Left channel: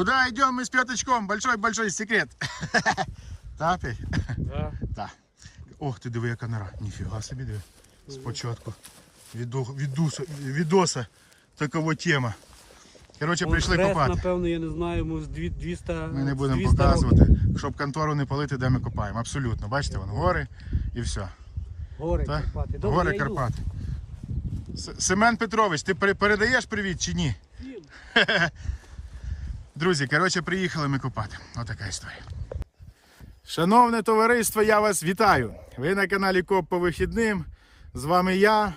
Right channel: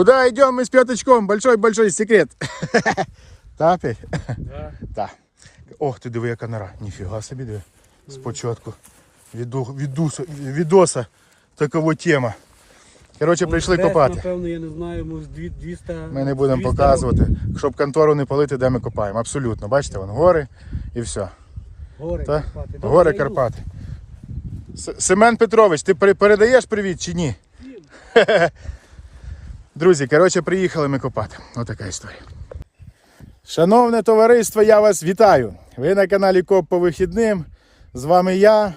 Куда идем мы с пяточком? Большой-большой секрет. Так ти? Да. Так. Ох, ти диви, яка нора. Ніфіга собі диви. Спочатку. Віду, відуса, відоса такова тема. Коротше, прийшли Хрест, копати. Напевно, я не знаю, може 200 Ми не будемо 200 показувати, років. щоб контору не палити, де ми копаємо. Абсолютно. Бачите, вон гори і все. Гори Так? Карпати. Добре, Гори. Карпати. С- Семен Петрович, ти передаєш привіт чи ні? Ні. Друзі, коротше, приїхали ми копати. Отака історія. Шановне товариство, я вас вітаю. Ви на каналі Коп по вихідним. З вами я,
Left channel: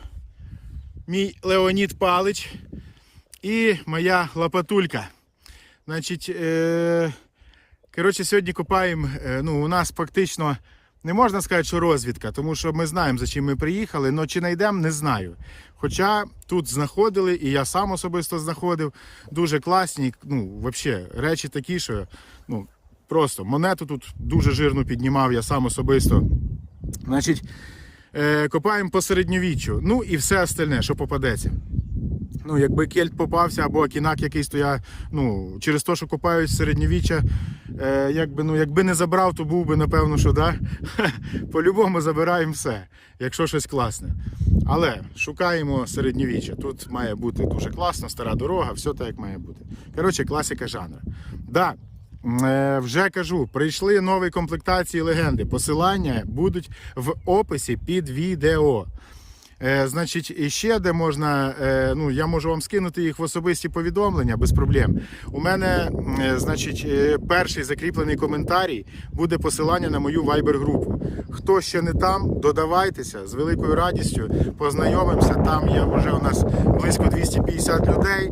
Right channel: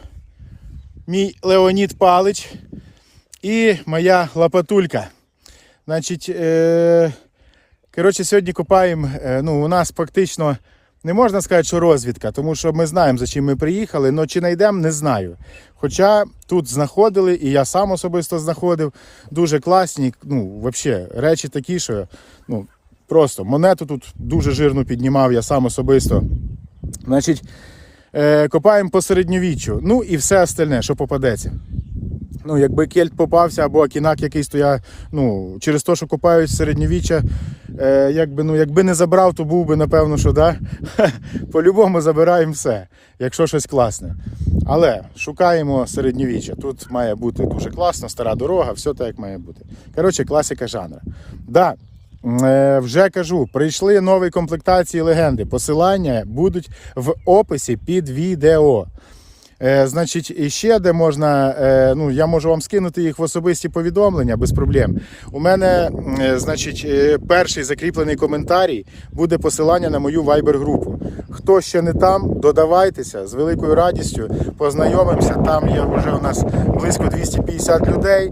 мій Леонід Палич і моя лапатулька. Значить, е- коротше, сьогодні копаємо. е, ну, у нас фактично не можна сказати, що розвідка, тому що ми знаємо, за чим ми приїхали, але чи знайдемо, не знаю. Хоча тут знаходили, і я сам особисто знаходив дуже класні, ну, взагалі, речі такі, що ну, просто монету тут дуже жирно піднімав, я сам особисто. Значить, е, копаємо по середньовіччю. Ну і все остальне, що попадеться. Ну, якби кельт попався або акінак якийсь, то я ну, через те, що копають середньовіччя, е, якби, ну, якби не забрав, то був би, напевно, що да. По-любому забираємо все, якщо щось класне. Але шукаємо середньовіччя. Тут має бути дуже класно, стара дорога, все так, як має бути. Коротше, класика жанру. Да, е, вже кажу, прийшли нові комплектації легенди. Посилання будуть в описі під відео. Е, значить, ще де можна, е, ну я можу вам скинути їх в особисті повідомлення без проблем. У мене, е, значить, е, перший закріплений коментарій буде посилання на мою Viber групу. Хто ще не там, додавайтеся з великою радістю, познайомимося. Там є вже у нас близько 250 людей.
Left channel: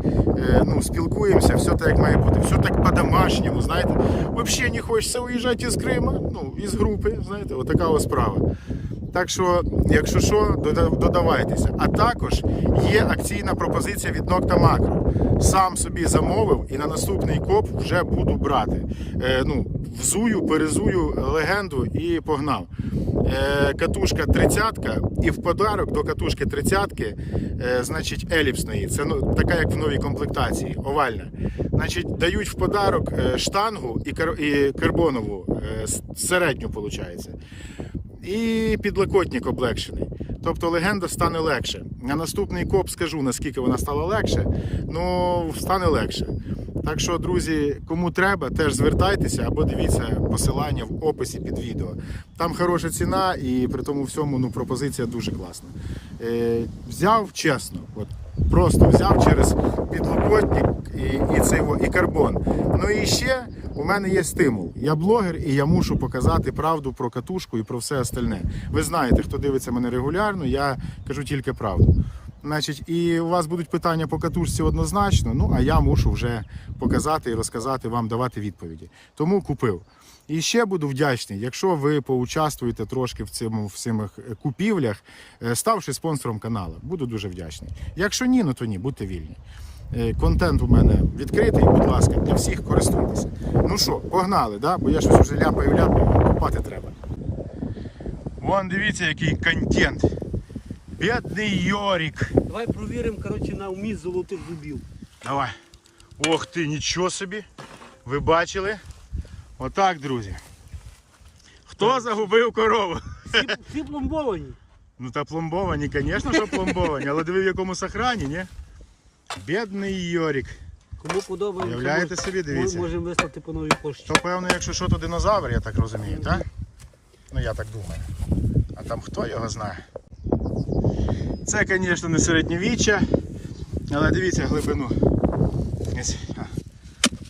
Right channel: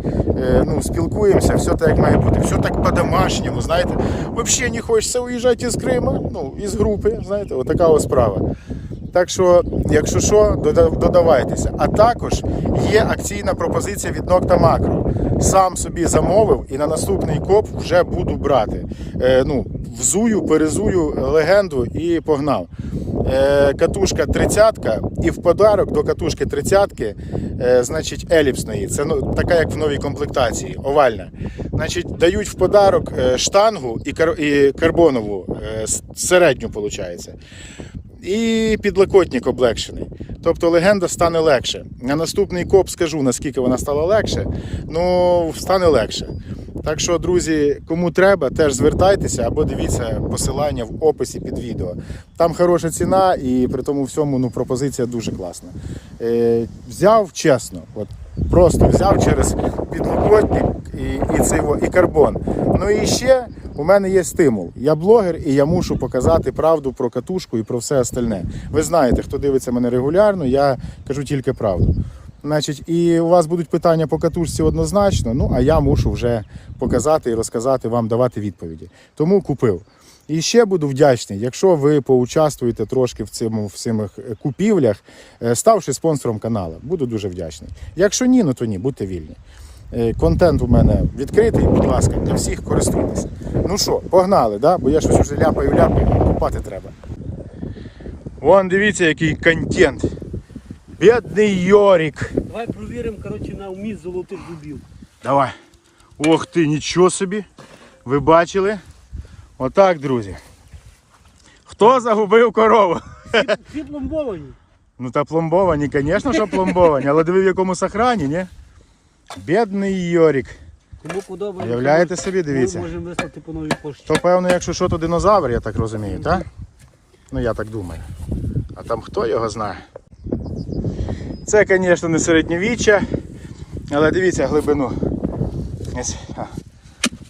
Ну, спілкуємося, все так як має бути, все так по-домашньому. Знаєте, взагалі не хочеться уїжджати із Крима, ну із групи. Знаєте, отака ось справа. Так що, якщо що, додавайтеся. А також є акційна пропозиція від Нокта Макро. Сам собі замовив і на наступний коп вже буду брати. Е, ну, взую, перезую легенду і погнав. Е, катушка 30-ка і в подарок до катушки 30 е, значить, еліпсної. Це ну, така, як в новій комплектації, овальна. Значить, дають в подарок е, штангу і, кар- і карбонову, е, середню, виходить і підлокотник облегшений. Тобто легенда стане легше. На наступний коп скажу, наскільки вона стала легше. Ну, стане легше. Так що, друзі, кому треба, теж звертайтеся або дивіться посилання в описі під відео. Там хороша ціна і при тому всьому ну, пропозиція дуже класна. Е, взяв чесно, от просто взяв через підлокотник і, і, цей, і карбон. Ну і ще у мене є стимул. Я блогер і я мушу показати правду про катушку і про все остальне. Ви знаєте, хто дивиться мене регулярно, я кажу тільки правду. Значить, і у вас будуть питання по катушці однозначно, ну а я мушу вже показати і розказати вам, давати відповіді. Тому купив. І ще буду вдячний, якщо ви поучаствуєте трошки в цьому в цих купівлях, е, ставши спонсором каналу. Буду дуже вдячний. Якщо ні, ну то ні, будьте вільні. Е, Контент у мене відкритий, будь ласка, для всіх користуйтеся. Ну що, погнали, да? бо я щось вже ляпаю, ляпаю, купати треба. Вон дивіться, який контент. Бідний Йорік. Давай провіримо коротше, на вміст золотих зубів. Давай. Ох ти, нічого собі. Ви бачили? Отак, друзі. Хто загубив корову? Всі, всі пломбовані. Ну та пломбовані, звісно, що пломбовані, але диви в якому сохрані, ні? Бідний Йорік. Кому подобається, Уявляєте собі, дивіться. ми Можемо вислати по новій пошті. То певно, якщо що, то динозавр, я так розумію, так? Ну я так думаю. А там хто його знає? Це, звісно, не середньовіччя, але дивіться глибину.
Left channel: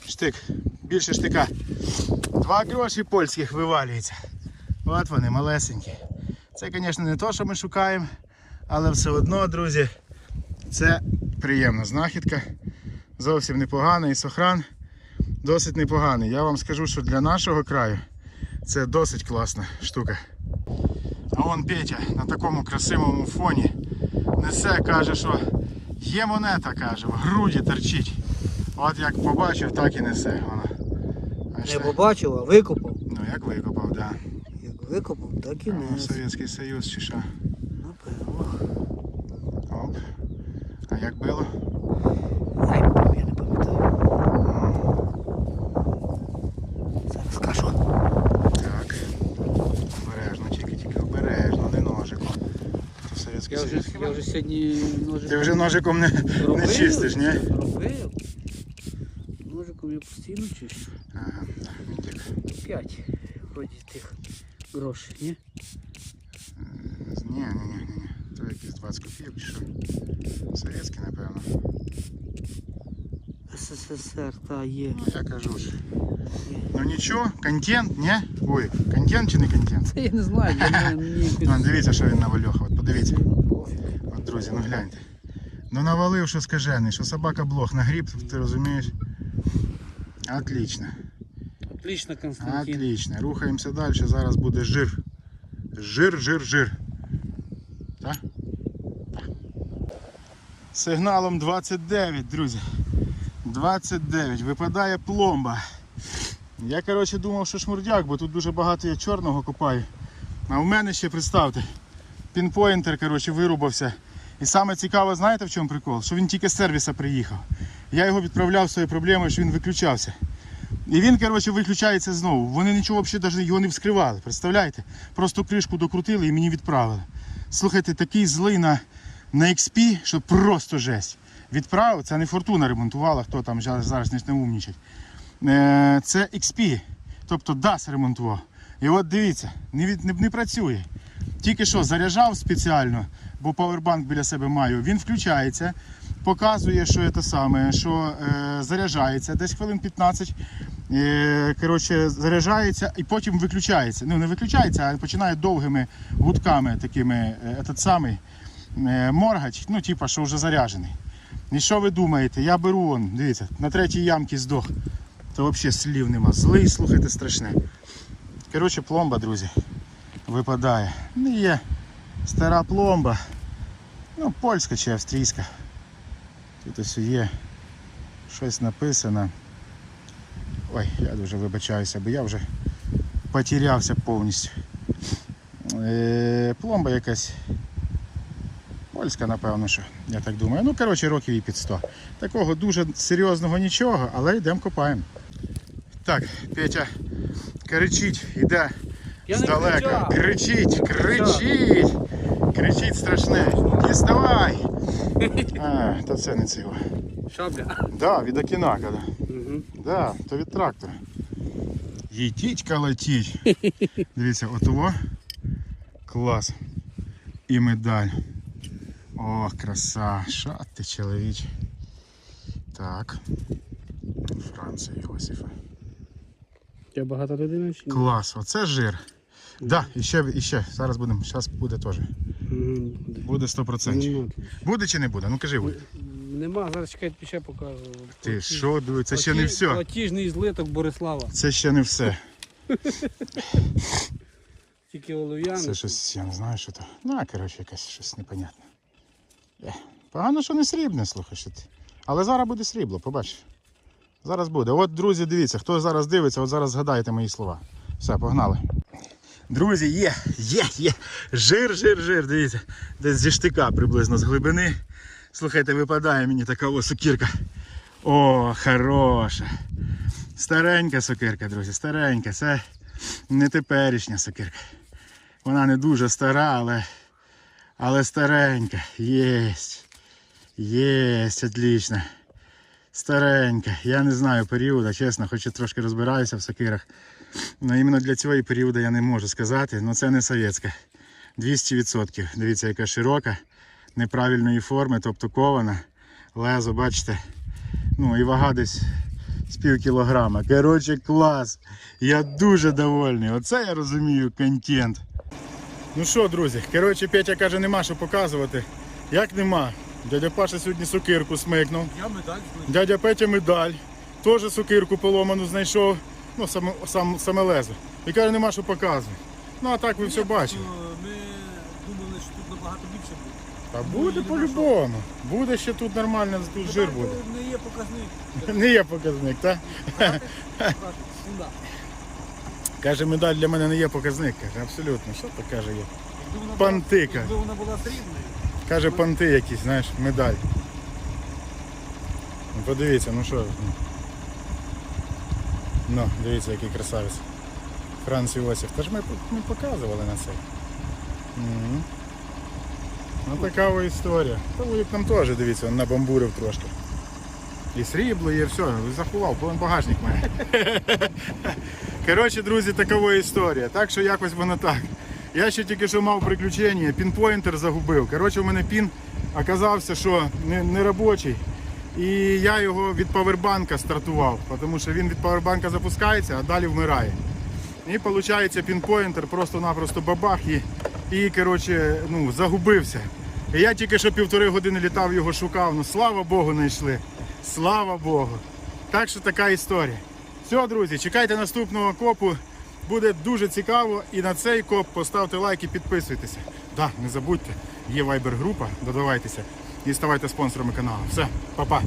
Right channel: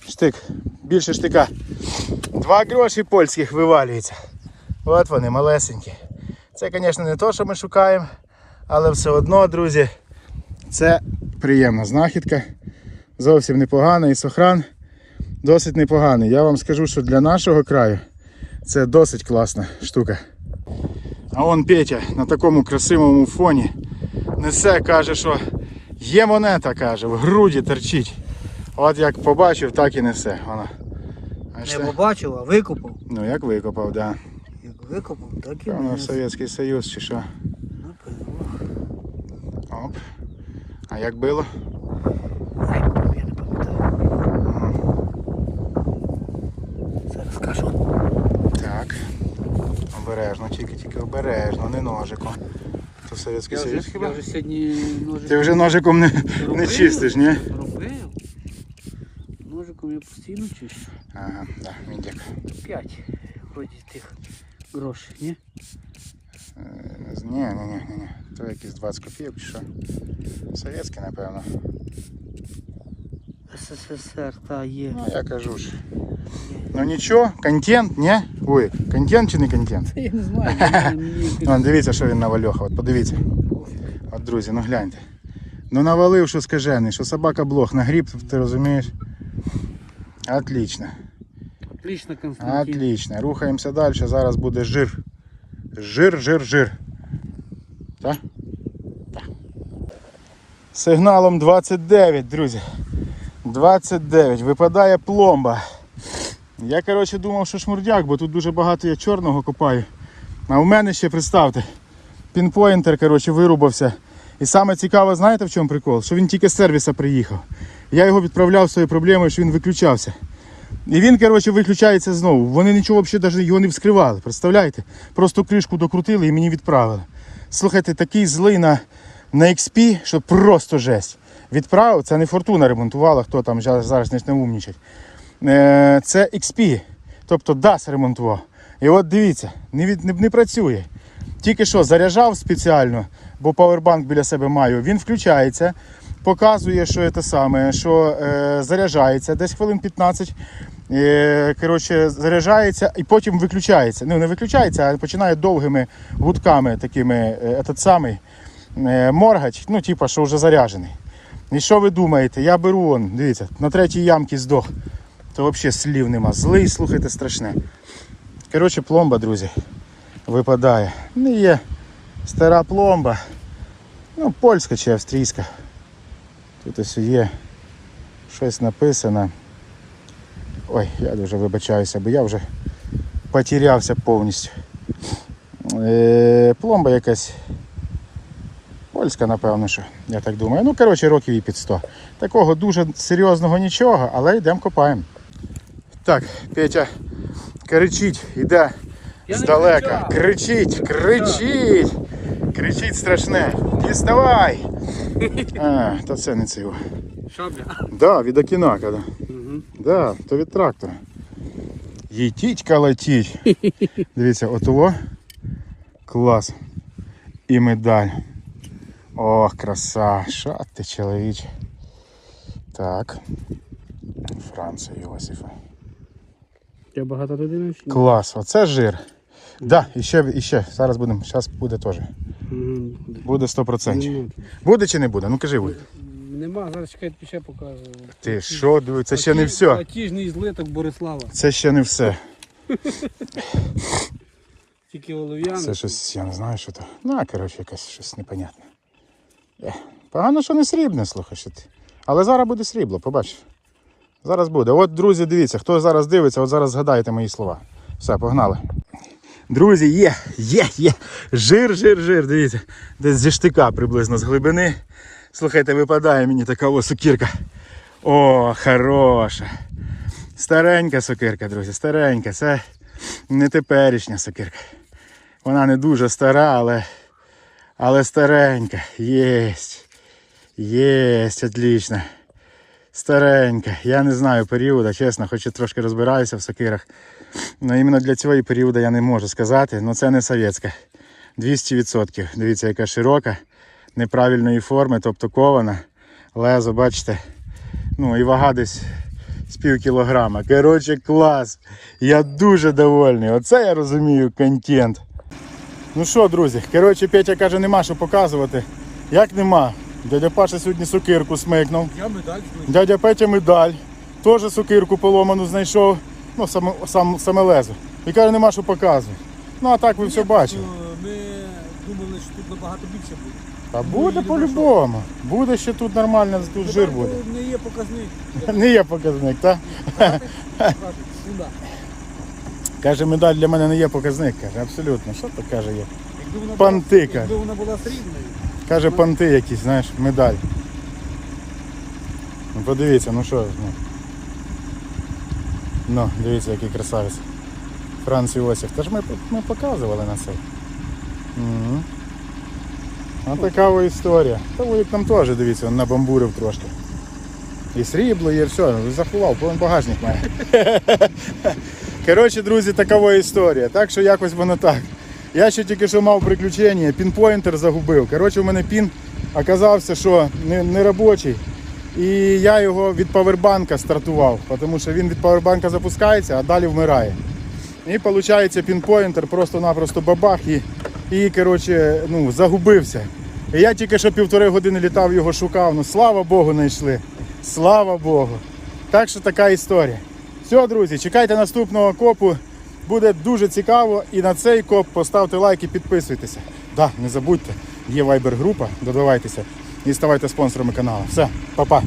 Штик, більше штика. Два гроші польських вивалюється. От вони, малесенькі. Це, звісно, не те, що ми шукаємо, але все одно, друзі, це приємна знахідка. Зовсім непогана і сохран досить непоганий. Я вам скажу, що для нашого краю це досить класна штука. А он Петя на такому красивому фоні несе, каже, що є монета, каже, в груді торчить. От як побачив, так і несе. Воно. А Не ще? викопав. Ну як викопав, да. Як викопав, так і не не. Совєтський Союз чи що. Ну, Напевно. Оп. А як було? Я Так. Обережно, тільки тільки обережно, не ножиком. Вже, я вже сьогодні ножик Ти вже ножиком не, не чистиш, ні? робив. Ножиком я постійно чищу. Ага, так, мідяк. П'ять вроді тих грошей, ні? Е, Ні, ні, ні, ні, ні. То якісь 20 копійок чи що? Совєтський, напевно. СССР, та є. Ну, я кажу ж. Ну нічого, контент, ні? Ой, контент чи не контент? Та я не знаю, для мене мені якось- Ну, дивіться, що він навальохав. От подивіться. От, друзі, ну гляньте. Ну навалив, що скажений, що собака блох нагріб, ти розумієш? Отлично. Отлично, Константин. Отлично. Рухаємося далі. Зараз буде жир. Жир, жир, жир. Так? Так. Сигналом 29, друзі. 29. Випадає пломба. Я, коротше, думав, що шмурдяк, бо тут дуже багато я чорного копаю. А у мене ще, представте, пінпоінтер, коротше, вирубався. І саме цікаве, знаєте в чому прикол? Що він тільки з сервіса приїхав. Я його відправляв своєю проблемою, що він виключався. І він, коротше, виключається знову. Вони нічого взагалі його не вскривали. Представляєте? Просто кришку докрутили і мені відправили. Слухайте, такий злий на, на XP, що просто жесть. Відправив, це не фортуна ремонтувала, хто там зараз не наумнічать. Е, Це XP, тобто DAS ремонтував. І от дивіться, не, від, не, не працює. Тільки що заряджав спеціально, бо павербанк біля себе маю. Він включається, показує, що це саме, що е, заряджається десь хвилин 15. Е, коротше, заряджається і потім виключається. Ну, не виключається, а починає довгими гудками такими е, этот самий е, моргач, ну, типа, що вже заряджений. І що ви думаєте? Я беру он, дивіться, на третій ямці здох. То взагалі слів нема. Злий, слухайте, страшне. Коротше, пломба, друзі, випадає. Не є стара пломба. Ну, польська чи австрійська. Тут ось є щось написано. Ой, я дуже вибачаюся, бо я вже потерявся повністю. Е, пломба якась. Польська, напевно, що, я так думаю. Ну, коротше, років і під 100. Такого дуже серйозного нічого, але йдемо копаємо. Так, Петя кричить, іде здалека. Кричить, кричить, кричить страшне. Діставай! А, та це не це його. Шабля. Да, від Окінака, да. Угу. Да, то від трактора. Їтіть калатіть. Дивіться, отого. Клас. І медаль. Ох, краса. Що ти, чоловіче. Так. Франца Йосифа. Я багато людини? Клас, оце жир. Да, і ще, і ще. Зараз будемо. Зараз буде теж. Буде. Буде 100%. Буде чи не буде? Ну кажи буде. Нема, зараз чекайте, ще покажу. Ти що, диви, це ще не все. Платіжний злиток Борислава. Це ще не все. Тільки олов'яний. Це щось, я не знаю, що то. Ну, коротше, якесь щось непонятне. Погано, що не срібне, слухай, що ти. Але зараз буде срібло, побачиш. Зараз буде. От, друзі, дивіться, хто зараз дивиться, от зараз згадаєте мої слова. Все, погнали. Друзі, є, є, є. Жир, жир, жир, дивіться. Десь зі штика приблизно з глибини. Слухайте, випадає мені така ось сокирка. О, хороша. Старенька сокирка, друзі, старенька. Це не теперішня сокирка. Вона не дуже стара, але, але старенька. Єсть. Єсть, отлично. Старенька. Я не знаю періоду, чесно, хоч і трошки розбираюся в сокирах. Але іменно для цього періоду я не можу сказати. Ну це не совєтська. 200%. Дивіться, яка широка, неправильної форми, тобто кована. Лезо, бачите. Ну і вага десь з пів кілограма. Коротше, клас. Я дуже довольний. Оце я розумію контент. Ну що, друзі, коротше, Петя каже, нема що показувати. Як нема? Дядя Паша сьогодні сокирку смикнув. Я медаль Дядя Петя медаль. Теж сокирку поломану знайшов. Ну, саме, сам, саме лезо. І каже, нема що показувати. Ну а так ви все бачили. Ми думали, що тут набагато більше буде. А буде по-любому. Буде ще тут нормально, тут жир буде. Не є показник. Не є показник, так? Каже, медаль для мене не є показник. Каже, абсолютно. Що то каже є? Якби вона Панти, каже. якби вона була срібною. Каже, панти якісь, знаєш, медаль. Ну подивіться, ну що. Ну, ну дивіться, який красавець. Франц Іосиф. Та ж ми, ми показували на цей. Угу. А така ось історія. Та як там теж, дивіться, він набамбурив трошки. І срібло, є все, заховав, повен багажник має. Коротше, друзі, така ось історія. Так що якось воно так. Я ще тільки що мав приключення, пінпойнтер загубив. Коротше, у мене пін оказався, що не, не робочий. І я його від павербанка стартував, тому що він від павербанка запускається, а далі вмирає. І виходить, пінпойнтер просто-напросто бабах і, і коротше, ну, загубився. І я тільки що півтори години літав, його шукав. Ну слава Богу, знайшли. Слава Богу. Так що така історія. Все, друзі, чекайте наступного копу. Буде дуже цікаво. І на цей коп поставте лайк і підписуйтеся. Да, не забудьте, є вайбер-група, додавайтеся і ставайте спонсорами каналу. Все, па-па.